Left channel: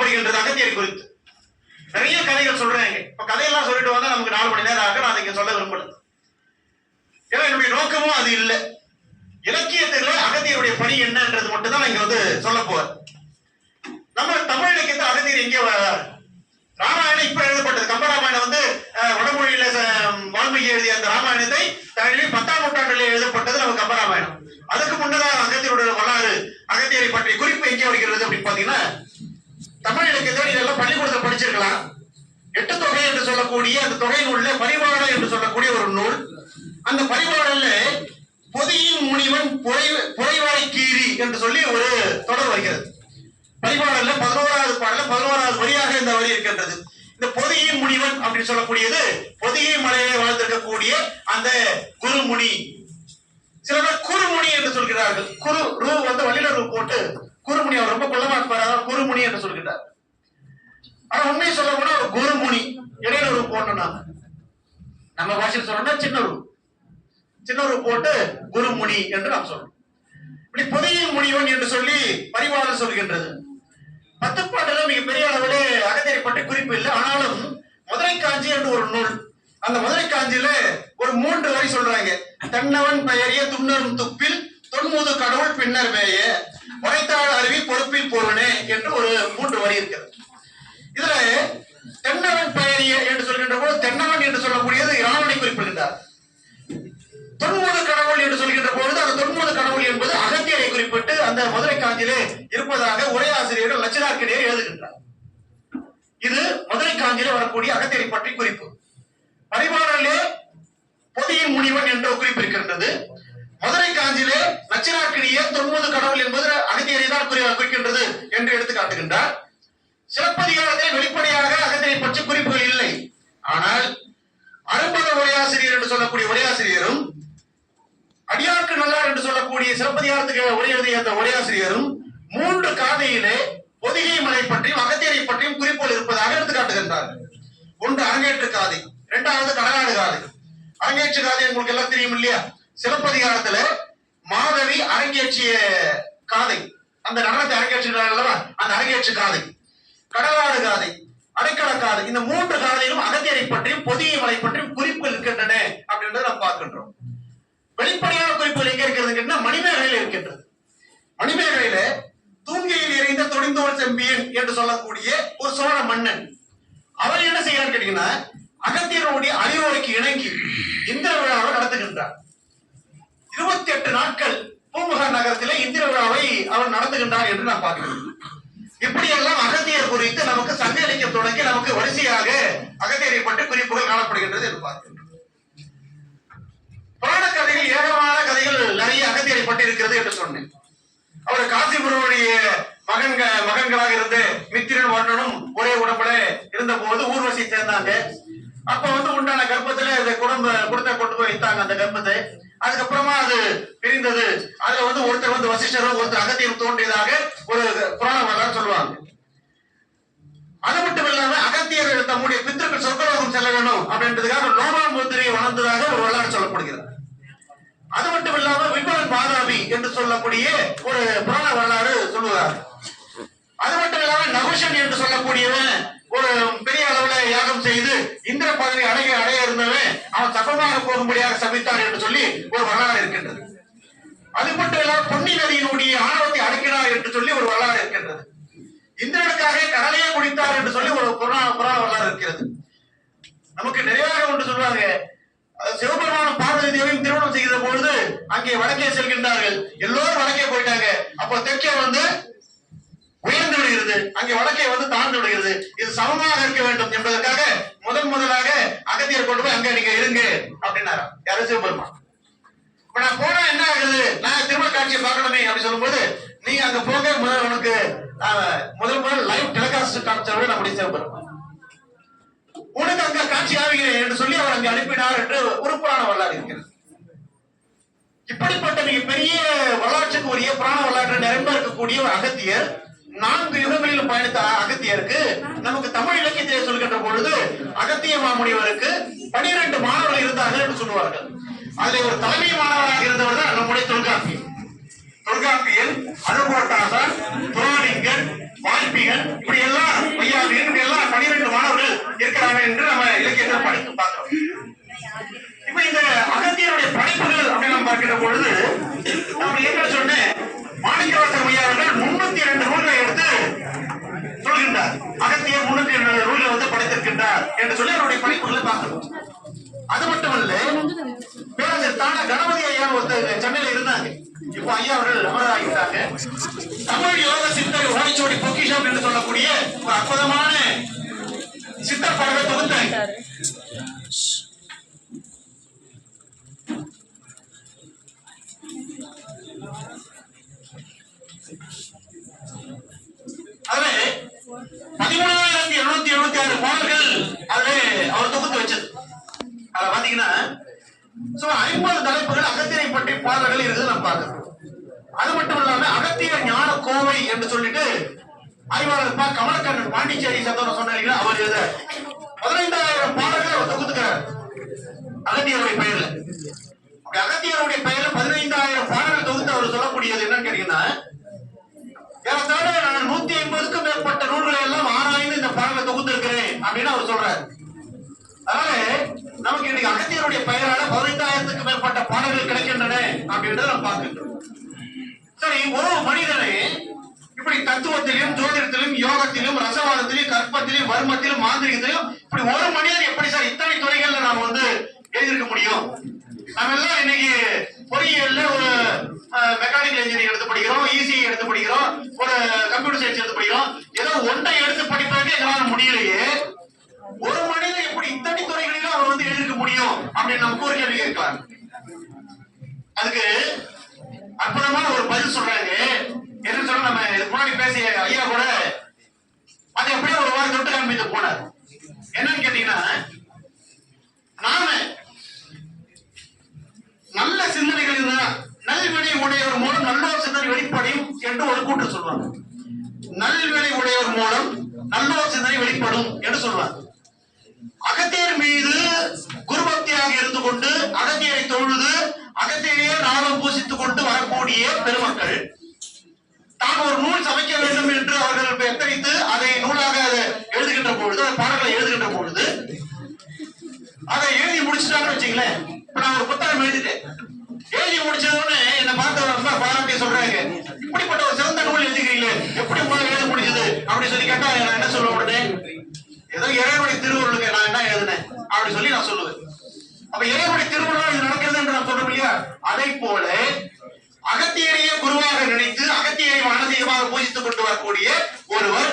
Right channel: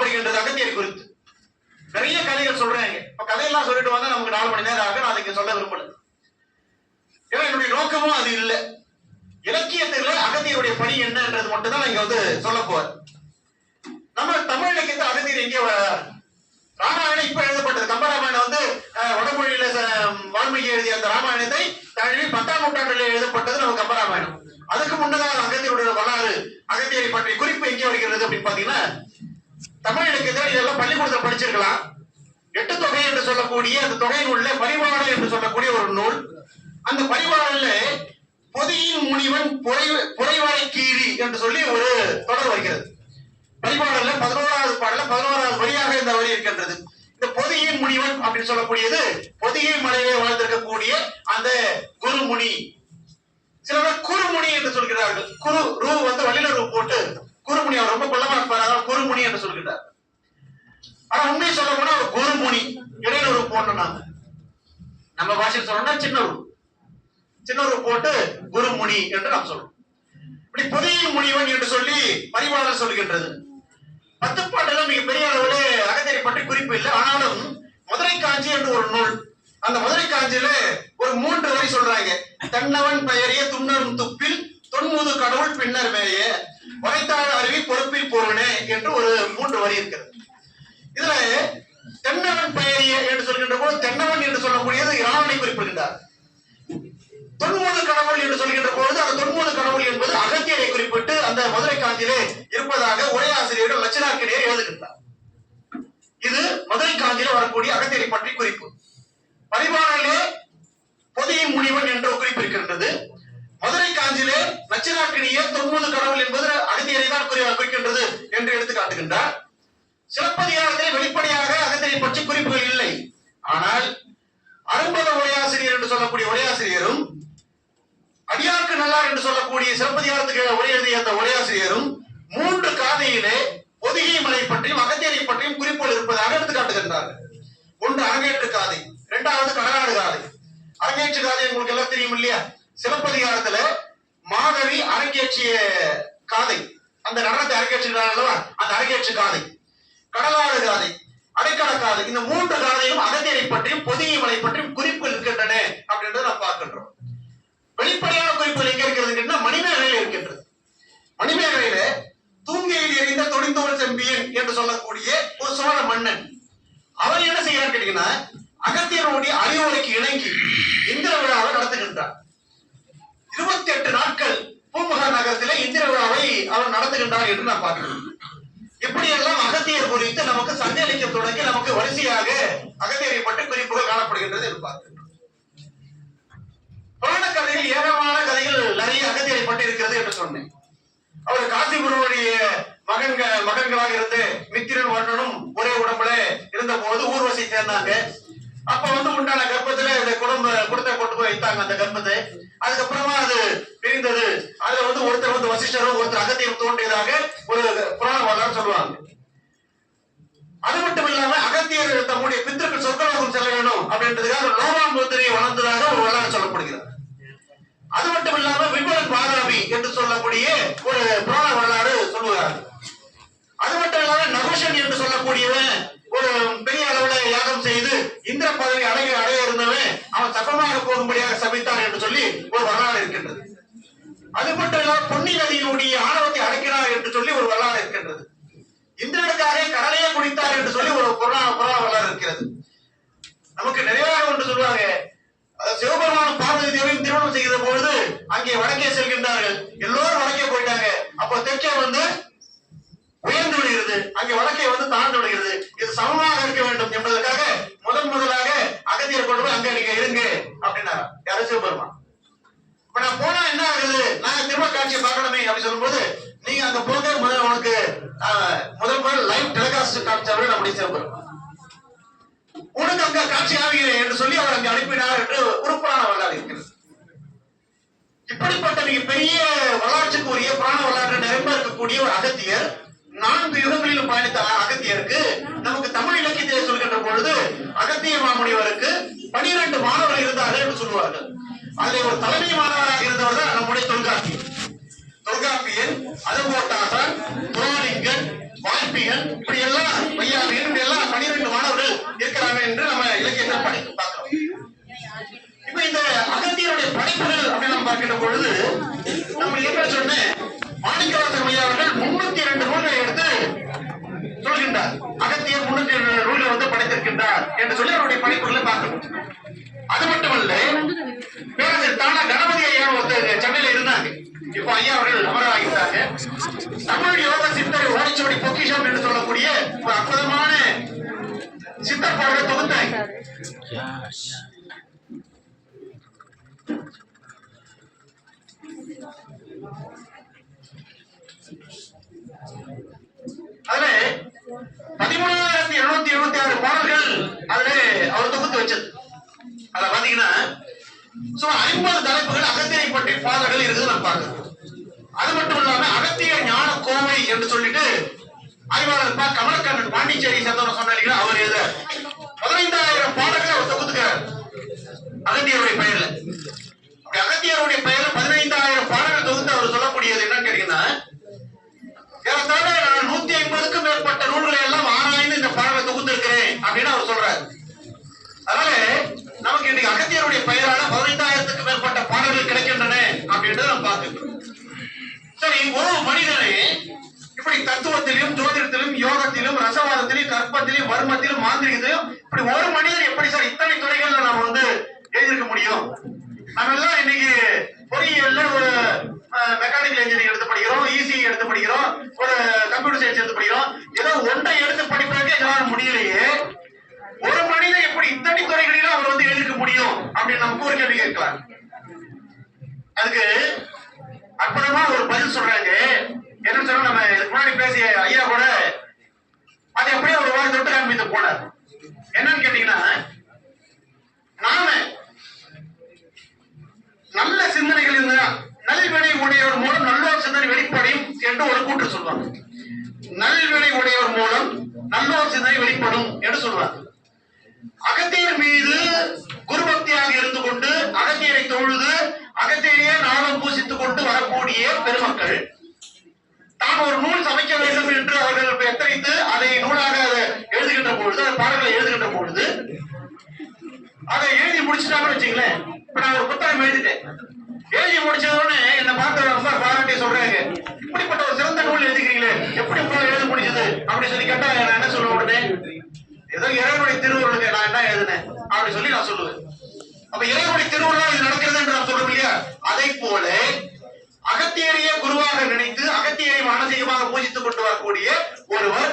சொல்லப்படுகின்றது அகத்தியர் குறித்து. நிறைய கதைகள் சொல்றாங்க. இப்ப கதையெல்லாம் சொல்லிட்டு வந்தா நமக்கு நாலு மணி நேரம் ஆக நான் அதை சொல்ல விரும்பல. ஏன்னா என்னுடைய நோக்கமும் அது இல்லை. இலக்கியத்துல அகத்தியருடைய பணி என்னன்றது மட்டும் தான் இங்க வந்து சொல்ல போறேன். நம்ம தமிழ் இலக்கியத்தில் அகத்தியர் எங்கே வர்றாரு? ராமாயணம் இப்ப எழுதப்பட்டது. கம்பராமாயணம் வந்து அஹ், வடமொழியில வால்மீகி எழுதிய அந்த ராமாயணத்தை தமிழில் பத்தாம் நூற்றாண்டில் எழுதப்பட்டது நம்ம கம்பராமாயணம். அதுக்கு முன்னதாக அகத்தியருடைய வரலாறு அகத்தியரை பற்றிய குறிப்பு எங்கே வருகிறது அப்படின்னு பாத்தீங்கன்னா தமிழ் இலக்கியத்தில் இதெல்லாம் பள்ளிக்கூடத்தில் படிச்சிருக்கலாம். எட்டு தொகை என்று சொல்லக்கூடிய அந்த தொகையில் உள்ள பரிவாளம் என்று சொல்லக்கூடிய ஒரு நூல். அந்த பரிவாளன்ல பொதியின் முனிவன் புரை புரைவாளை கீரி என்று சொல்லி ஒரு தொடர் வருகிறது பரிவாளன்ல பதினோராவது பாடல பதினோராவது வழியாக இந்த வரி இருக்கின்றது. இந்த பொதியின் முனிவன் அப்படின்னு சொல்லக்கூடியது பொதியை மலையிலே வாழ்ந்திருக்கக்கூடிய அந்த குருமுனி. சில பேர் குருமுனி என்று சொல்கிறார்கள். குரு ரூ வந்து வள்ளில ரூ போட்டு குறுமுனி அவர் ரொம்ப கொள்ளமா இருப்பார் அதனால குருமுனி என்று சொல்கிறார் ஆனா உண்மையை சொல்ல போனா ஒரு குருமுனி இடையில ஒரு போட்டோம் நம்ம பாஷையில் சொல்லணும்னா சின்ன ஒரு சின்ன ஒரு போட்டு குருமுனி என்று நாம் சொல்றோம். இப்படி பொதியின் முனிவன் என்று சொல்லி பரிவாளர் சொல்கின்றது. பத்து பாட்டுல மிக பெரிய அளவிலே அகத்தியரை பற்றி குறிப்பு இல்லை. ஆனாலும் மதுரை காஞ்சி என்று ஒரு நூல். அந்த மதுரை காஞ்சியில ஒரு மூன்று வரி சொல்றாங்க. தன்னவன் பெயரிய துண்ணரும் துப்பில் தொன்முது கடவுள் பின்னர் மேய. வரைத்தாள் அருவி பொறுப்பில் போவனே என்று ஒரு மூன்று வரி இருக்கிறது. இதுல தென்னவன் பெயரிய என்று சொல்கின்ற போது தென்னவன் என்று சொல்லக்கூடியது இராவணை குறிப்பிடுகின்றார். தொன்முது கடவுள் என்று சொல்கின்ற பொழுது அந்த தொன்முது கடவுள் என்பது அகத்தியரை குறிப்பிட்டு அந்த மதுரை காஞ்சியிலே இருப்பதாக ஒரே ஆசிரியர் லட்சணாக்கிடையே எழுதுகின்றார். இது மதுரை காஞ்சியில வரக்கூடிய அகத்தியரை பற்றி குறிப்பு. பரிபாடலே பொதியின் முனிவன் என்ற குறிப்பு இருக்கின்றது மதுரை காஞ்சியிலே நச்சினாக்கினியே தொன்முது கடவுள் என்பது அகத்தியரை தான் குறி- குறிக்கின்றது என்று எடுத்து காட்டுகின்றார். சிலப்பதிகாரத்தில் வெளிப்படையாக அகத்தியை பற்றி குறிப்புகள் இல்லை. ஆனால் அரும்பத உரையாசிரியர் என்று சொல்லக்கூடிய உரையாசிரியரும் அடியாருக்கு நல்லார் என்று சொல்லக்கூடிய சிலப்பதிகாரத்துக்கு உரை எழுதிய அந்த உரையாசிரியரும் மூன்று காதையிலே பொதிகை மலை பற்றியும் அகத்தியரை பற்றியும் குறிப்புகள் இருப்பதாக எடுத்து காட்டுகின்றார்கள். ஒன்று அரங்கேற்று காதை இரண்டாவது கடலாடு காதை. அரங்கேற்று காதை உங்களுக்கு எல்லாம் தெரியும் இல்லையா? சிலப்பதிகாரத்துல மாதவி அரங்கேற்றிய காதை. அந்த நடனத்தை அரங்கேற்றுகிறார் அல்லவா? அந்த அரங்கேற்று காதை. கடலாறு காதை அடைக்கல காதை. இந்த மூன்று காதையிலும் அகத்தியரை பற்றியும் பொதிய மலை பற்றியும் குறிப்புகள் இருக்கின்றன அப்படின்றத நாம் பார்க்கின்றோம். வெளிப்படையான குறிப்புகள் எங்க இருக்கிறது மணிமேகலையில் இருக்கின்றது. மணிமேகலையில தூங்கியில் எறிந்த தொடிந்தோர் செம்பியன் என்று சொல்லக்கூடிய ஒரு சோழ மன்னன் அவர் என்ன செய்கிறார் கேட்டீங்கன்னா அகத்தியருடைய அறிவுரைக்கு இணங்கி இந்திர விழாவை நடத்துகின்றார். இருபத்தி எட்டு நாட்கள் பூமுகார் நகரத்திலே இந்திர விழாவை அவர் நடத்துகின்றார் என்று நான் பார்க்கிறேன். இப்படியெல்லாம் அகத்தியர் குறித்து நமக்கு சங்க இலக்கியம் தொடங்கி நமக்கு வரிசையாக அகத்தியரை பற்றி குறிப்புகள் காணப்படுகின்றது என்று பார்க்கிறோம் புராண கதைகள் ஏகமான கதைகள் நிறைய அகத்தியரை பற்றி இருக்கிறது என்று சொன்னேன். அவர் காசிபுரனுடைய மகன்க மகன்களாக இருந்து மித்திரன் வண்ணனும் ஒரே உடம்புல இருந்த போது ஊர்வசி சேர்ந்தாங்க. அப்ப வந்து உண்டான கர்ப்பத்துல இந்த குடும்ப குடத்தை கொண்டு போய் வைத்தாங்க அந்த கர்ப்பத்தை. அதுக்கப்புறமா அது பிரிந்தது. அதுல வந்து ஒருத்தர் வந்து வசிஷ்டரும் ஒருத்தர் அகத்தியம் தோன்றியதாக ஒரு புராண வரலாறு சொல்லுவாங்க. அது மட்டும் இல்லாம அகத்தியர்கள் தம்முடைய பித்திருக்கள் சொர்க்கலோகம் செல்ல வேண்டும் அப்படின்றதுக்காக லோகாமுத்திரையை வளர்ந்ததாக ஒரு வரலாறு சொல்லப்படுகிறது. அது மட்டும் இல்லாம விபரன் பாதாபி என்று சொல்லக்கூடிய ஒரு புராண வரலாறு சொல்லுகிறார். அது மட்டும் இல்லாம நகுஷன் என்று சொல்லக்கூடியவன் ஒரு பெரிய அளவுல யாகம் செய்து இந்திர பதவி அடைய அடைய இருந்தவன் அவன் சபமாக போகும்படியாக சபித்தான் என்று சொல்லி ஒரு வரலாறு இருக்கின்றது. அது மட்டும் இல்லாம பொன்னி நதியினுடைய ஆணவத்தை அடக்கினார் என்று சொல்லி ஒரு வரலாறு இருக்கின்றது. இந்திரனுக்காக கடலையே குடித்தார் என்று சொல்லி ஒரு புறா புறா வரலாறு இருக்கிறது. நமக்கு நிறைய ஒன்று சொல்லுவாங்க. சிவபெருமான பார்வதி தேவியும் திருமணம் செய்கிற பொழுது அங்கே வடக்கே செல்கின்றார்கள். எல்லோரும் வடக்கே போயிட்டாங்க. அப்போ தெற்கே வந்து உயர்ந்து விடுகிறது. அங்கே வடக்கே வந்து தாழ்ந்து விடுகிறது. இது சமமாக இருக்க வேண்டும் என்பதற்காக முதன் முதலாக அகத்தியர் கொண்டு போய் அங்க நீங்க இருங்க அப்படின்னாரா. யாரும் சிவபெருமான். இப்ப நான் போனா என்ன ஆகுது? நான் திரும்ப காட்சியை பார்க்கணுமே அப்படின்னு சொல்லும்போது நீங்க அங்க போக முதல் உனக்கு முதல் முதல் லைவ் டெலிகாஸ்ட் காமிச்சவர் நம்முடைய சிவபெருமான் உனக்கு அங்க காட்சி ஆகிறேன் என்று சொல்லி அவர் அங்கே அனுப்பினார் என்று ஒரு புராண வரலாறு இருக்கிறது. இப்படிப்பட்ட மிக பெரிய வரலாற்றுக்குரிய புராண வரலாற்று நிரம்ப இருக்கக்கூடிய ஒரு அகத்தியர் நான்கு யுகங்களிலும் பயணித்த அகத்தியருக்கு நமக்கு தமிழ் இலக்கியத்தை சொல்கின்ற பொழுது அகத்திய மாமுனிவருக்கு பனிரெண்டு மாணவர்கள் இருந்தார்கள் என்று சொல்லுவார்கள். அதுல ஒரு தலைமை மாணவராக இருந்தவர் தான் நம்முடைய தொல்காப்பியர். தொல்காப்பியர் அனுபோட்டாசர் துரோணிங்கன் வாய்ப்பிகள் இப்படி எல்லாம் மையாவிகள் இப்படி எல்லாம் பனிரெண்டு மாணவர்கள் இருக்கிறாங்க என்று நம்ம இலக்கியத்தில் படித்து பார்க்கிறோம். இப்ப இந்த அகத்தியருடைய படைப்புகள் அப்படின்னு நம்ம பார்க்கின்ற பொழுது பாடல்கள் வந்து படைத்திருக்கின்றார் என்று சொல்லி அவருடைய படைப்புகளை பார்க்கணும் அது மட்டுமல்ல பேரரசர் தானா கணபதி ஐயா ஒருத்தர் சென்னையில இருந்தாங்க. இப்போ ஐயா அவர்கள் அமராகிட்டாங்க தமிழ் யோக சித்தர் ஓடிச்சோடி பொக்கிஷம் என்று சொல்லக்கூடிய ஒரு அற்புதமான சித்தர் தொகுத்தாங்க. என்று சொல்லிட்டு அறிவாளர் பா கமலக்கண்ணன் பாண்டிச்சேரி சேர்ந்தவர் சொன்னாங்க அவர் எழுத. பதினைந்தாயிரம் பாடல்கள் அவர் தொகுத்துக்கிறார். அகத்தியருடைய பெயர்ல. அப்படி அகத்தியருடைய பெயர்ல பதினைந்தாயிரம் பாடல்கள் தொகுத்து அவர் சொல்லக்கூடியது என்னன்னு கேட்டீங்கன்னா ஏறத்தாழ நான் நூத்தி ஐம்பதுக்கும் மேற்பட்ட நூல்களை எல்லாம் ஆராய்ந்து இந்த பாடலை தொகுத்திருக்கிறேன் அப்படின்னு அவர் சொல்றாரு. அதனால நமக்கு இன்னைக்கு அகத்தியருடைய பெயரால பதினைந்தாயிரத்துக்கு மேற்பட்ட பாடல்கள் கிடைக்கின்றன அப்படின்றத நம்ம பார்த்துக்கிறோம் சரி ஒரு மனிதனை இப்படி தத்துவத்திலும் ஜோதிடத்திலும் யோகத்திலும் ரசவாதத்திலும் கற்பத்திலும் வர்மத்திலும் மாந்திரிகத்திலும் இப்படி ஒரு மனிதன் எப்படி சார் இத்தனை துறைகள்ல நாம வந்து எழுதியிருக்க முடியும்? நம்ம எல்லாம் இன்னைக்கு பொறியியல்ல ஒரு மெக்கானிக்கல் இன்ஜினியரிங் எடுத்து படிக்கிறோம் இசி எடுத்து படிக்கிறோம் ஒரு கம்ப்யூட்டர் சயின்ஸ் எடுத்து படிக்கிறோம். ஏதோ ஒன்றை எடுத்து படிப்பதற்கு எங்களால முடியலையே. ஒரு மனிதன் எப்படி இத்தனை துறைகளிலும் அவர் வந்து எழுதிக்க முடியும் அப்படின்னு நமக்கு ஒரு கேள்வி கேட்கலாம். அதுக்கு அற்புதமா ஒரு பதில் சொல்றாங்க. என்ன சொல்ல நம்ம இதுக்கு முன்னாடி பேசிய ஐயா கூட அது எப்படியோ ஒரு வாரம் தொட்டு காண்பித்து போனார். என்னன்னு கேட்டீங்கன்னா நாம நல்ல சிந்தனைகள் இருந்தா நல்வினை உடையவர் மூலம் நல்லோர் சிந்தனை வெளிப்படையும் என்று ஒரு கூற்று சொல்வாங்க. நல்வினை உடையவர் மூலம் நல்லோர் சிந்தனை வெளிப்படும் என்று சொல்வாங்க. அகத்தியர் மீது குருபக்தியாக இருந்து கொண்டு அகத்தியரை தொழுது அகத்தியரையே நாமம் பூசித்துக் கொண்டு வரக்கூடிய பெருமக்கள் தான் ஒரு நூல் சமைக்க வேண்டும் என்று அவர்கள் எத்தனைத்து அதை நூலாக அதை எழுதுகின்ற பொழுது அந்த பாடல்களை எழுதுகின்ற பொழுது அதை எழுதி முடிச்சுட்டாங்கன்னு வச்சுங்களேன். இப்ப நான் ஒரு புத்தகம் எழுதிட்டேன். எழுதி முடிச்சத உடனே என்ன பார்க்க ரொம்ப பாராட்டி சொல்றாங்க இப்படிப்பட்ட ஒரு சிறந்த நூல் எழுதுகிறீங்களே எப்படி உங்களால எழுத முடிஞ்சது? அப்படி சொல்லி கேட்டா நான் என்ன சொல்ல உடனே ஏதோ இறைவனுடைய திருவுருளுக்கு நான் என்ன எழுதினேன்? அப்படி சொல்லி நான் சொல்லுவேன். அப்ப இறைவனுடைய திருவுருளா இது நடக்கிறது என்று நான் சொல்றோம் இல்லையா? அதை போல அகத்தியரையே குருவாக நினைத்து அகத்தியரை மானசீகமாக பூஜித்துக் கொண்டு வரக்கூடிய ஒருவர்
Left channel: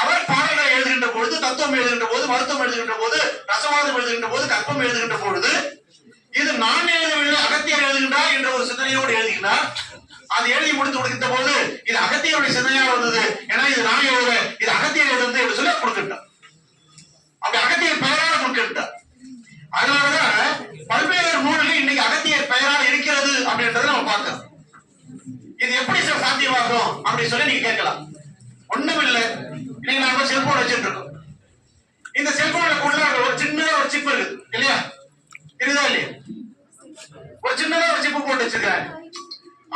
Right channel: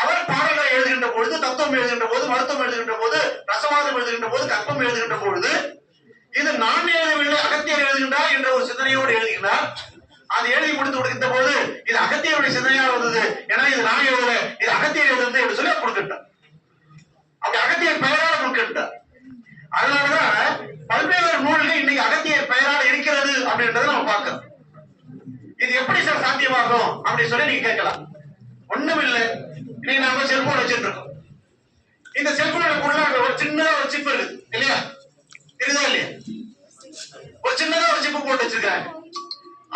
அவர் பாடல்களை எழுதுகின்ற பொழுது தத்துவம் எழுதுகின்ற போது மருத்துவம் எழுதுகின்ற போது ரசவாதம் எழுதுகின்ற போது கற்பம் எழுதுகின்ற பொழுது இது நான் எழுதவில்லை அகத்தியர் எழுதுகின்றார் என்ற ஒரு சிந்தனையோடு எழுதுகிறார் அது எழுதி முடித்து கொடுக்கின்ற போது இது அகத்தியருடைய சிந்தனையாக இருந்தது ஏன்னா இது நான் எழுதல இது அகத்தியர் எழுதுறது என்று சொல்லி கொடுக்கின்றார். அப்படி அகத்தியர் பெயராக கொடுக்கின்றார். அதனாலதான் பல்வேறு நூல்கள் இன்னைக்கு அகத்தியர் பெயரால் இருக்கிறது. அப்படின்றத நம்ம பார்க்கலாம் இது எப்படி சார் சாத்தியமாகும்? அப்படின்னு சொல்லி நீங்க கேட்கலாம். ஒண்ணும் இல்லை இன்னைக்கு நாம செல்போன் வச்சுட்டு இருக்கோம் இந்த செல்போனுக்குள்ள ஒரு சின்னதா ஒரு சிப் இருக்குது. இல்லையா? இருக்குதா இல்லையா? ஒரு சின்னதா ஒரு சிப்பு போட்டு வச்சிருக்காங்க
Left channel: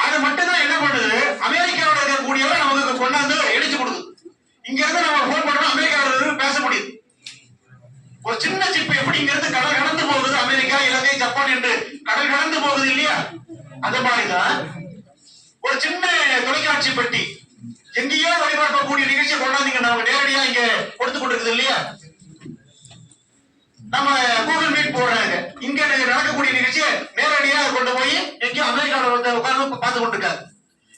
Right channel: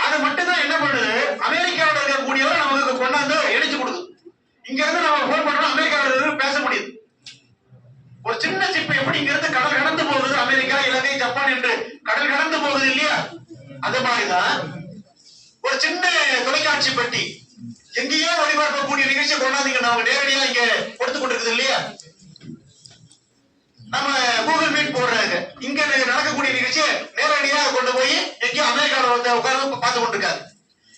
அது மட்டும் தான் என்ன பண்ணுது? அமெரிக்காவோட இருக்கக்கூடியவரை நமக்கு கொண்டாந்து இடிச்சு கொடுக்குது. இங்க இருந்து நம்ம போன் பண்ணோம் அமெரிக்காவோட இருந்து பேச முடியுது. ஒரு சின்ன சிப்பு எப்படி இங்க இருந்து கடல் கடந்து போகுது. அமெரிக்கா இலங்கை ஜப்பான் என்று கடல் கடந்து போகுது இல்லையா? அந்த மாதிரிதான் ஒரு சின்ன தொலைக்காட்சி பெட்டி. எங்கேயோ ஒளிபரப்பக்கூடிய நிகழ்ச்சியை கொண்டாந்தீங்கன்னா அவங்க நேரடியா இங்க கொடுத்து கொண்டிருக்குது இல்லையா? நம்ம கூகுள் மீட் போடுறாங்க. இங்க நடக்கக்கூடிய நிகழ்ச்சியை நேரடியா கொண்டு போய் எங்கேயோ அமெரிக்காவில் ஒருத்தர் உட்கார்ந்து பார்த்து கொண்டிருக்காரு.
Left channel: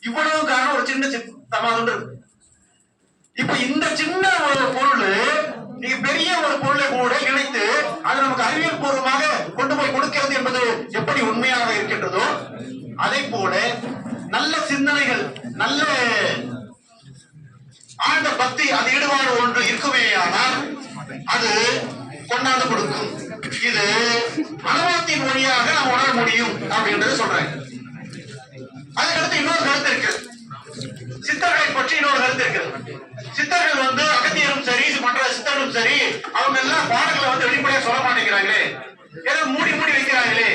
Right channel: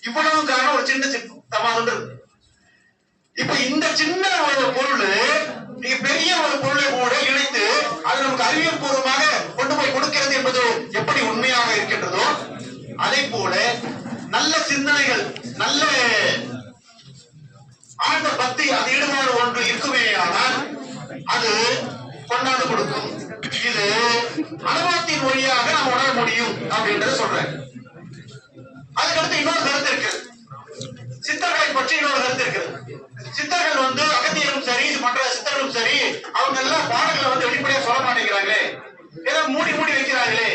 இவ்வளவு காரணம் ஒரு சின்ன சிப் இருக்கு. இப்ப இந்த சின்ன ஒரு பொருள் நீங்க பெரிய ஒரு பொருளை கூட இணைத்து அது நமக்கு அறிவியல் பூர்வமாக கொண்டு போய் கொடுக்கிறது என்பது எப்படி உண்மையாக இருக்கின்றதோ அதை போல நல்ல சிந்தனைகள் நல்ல ஆழ்ந்த பக்தி அது ஈடுபாடு ஒன்று இருக்குமேயானால் அது கொண்டாந்து கொடுக்கும். இது அனுபவத்தின் மொழியாக நாம் உணர முடியும் அப்படின்றத சொல்றேன். அதுக்கடுத்து இன்னொரு கருத்து இருக்கிறது. சித்தர்களை பற்றி இன்னொரு கருத்து இருக்கிறது. சித்தர்கள் வந்து அகத்தியரும் சரி மற்ற சித்தர்களும் சரி அவங்க எல்லாம் பாடல்களை வந்து வெளிப்படையா சொல்ல மாட்டேங்கிறாங்களே. ஏதோ மூடி மூடி வைக்கிறாங்களே.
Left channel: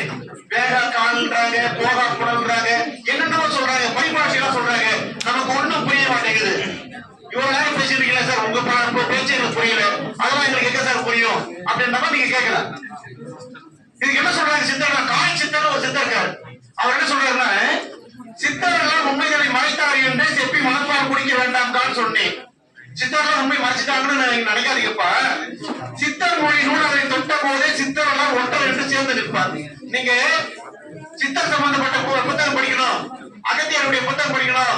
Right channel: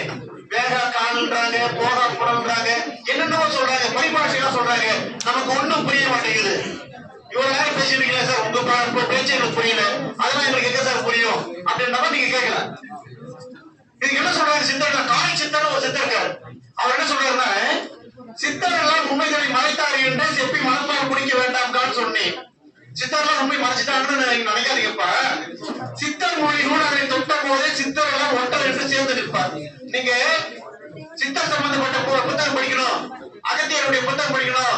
வேகா கால்ன்றாங்க போகா குடல்ன்றாங்க என்னென்னவோ சொல்றாங்க பரிபாஷையெல்லாம் சொல்றாங்க. நமக்கு ஒண்ணும் புரிய மாட்டேங்குது. இவ்வளவு நேரம் பேசிருக்கீங்களா சார் உங்க பா- பேச்சு எனக்கு புரியல. அதெல்லாம் எங்களுக்கு எங்க சார் புரியும்? அப்படின்ற நீங்க கேட்கலாம். இதுக்கு என்ன சொல்றாங்க சித்தர் காய் சித்தர் ஒரு சித்தர் அவர் என்ன சொல்றாருன்னா சித்தர் எல்லாம் உண்மைகளை மறைத்தார் என்று செப்பி மனப்பால் குடிக்க வேண்டாம் தான் சொன்னேன். சித்தர்லாம் உண்மை மறைச்சிட்டாங்கன்னு நீங்க நினைக்காதீங்கப்பா. சித்தர் மொழி அதை தொட்ட போதே சித்தர் எல்லாம் ஒன்றரை என்று சேர்ந்து நிற்பார். நீங்க சித்தர் சம்பந்தப்பட்ட புத்தகம் படிக்கணும். அகத்தியருடைய புத்தகம் படிக்கணும்.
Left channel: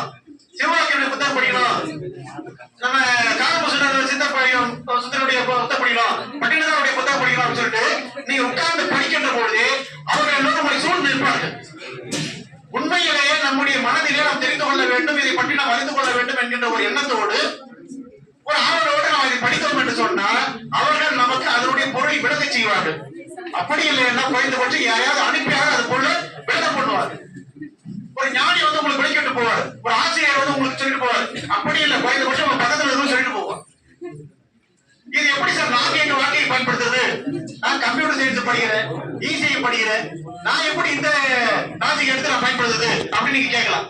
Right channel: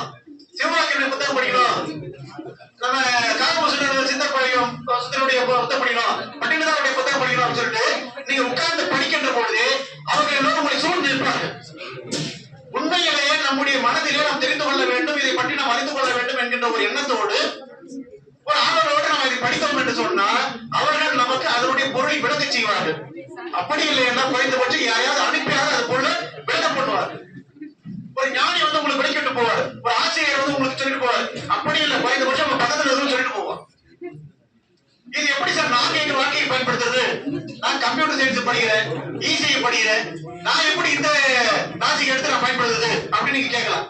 சிவவாக்கியருடைய புத்தகம் படிக்கணும். நம்ம காலமுசுனர் சித்தர் படிக்கணும் சித்தருடைய புத்தகம் படிக்கணும். பட்டினதாருடைய புத்தகம் படிக்கணும் அப்படின்னு சொல்லிட்டு நீங்க உட்கார்ந்து படிக்கின்ற பொழுது அவங்க எல்லோரும் உங்களை சூழ்ந்து நிற்பார்கள். உண்மையிலேயே நம்முடைய மனதிலே நாம் தெரிந்து கொள்ள வேண்டும் இதை பற்றி நாம் அறிந்து கொள்ள வேண்டும் என்கின்ற ஒரு எண்ணத்தோடு ஒரு ஆவலோடு நாம் இதை படித்தோம் என்று சொன்னால் அவர்கள் நமக்கு அதனுடைய பொருளை விளக்க செய்வார்கள். அப்படி இல்லைன்னா குறைந்தபட்சம் யாரையாவது அனுப்பியாக அது பொருளை விளக்கம் பண்ணுவார்கள். ஒரு ஞானி வந்து உங்களுக்கு விளக்கிட்டு போவார். ஒரு ஆசிரியர் வந்து உங்களுக்கு சொல்லிட்டு போவார். அப்படி இல்லை குறைந்தபட்சம் உங்க பக்கத்துல எதுவும் சொல்லிட்டு போவார் இது எப்படி சார் நான் எங்க வாழ்க்கையை பயன்படுத்துறது? நான் கம்ப்யூட்டர் சயின்ஸ் படிக்கிறேன் இசிஐ படிக்கிறேன். நான் எப்படி இந்த நாசிக்கு எடுத்து நான் பயன்படுத்துறது? அப்படின்னு நீங்க கேட்கலாம்.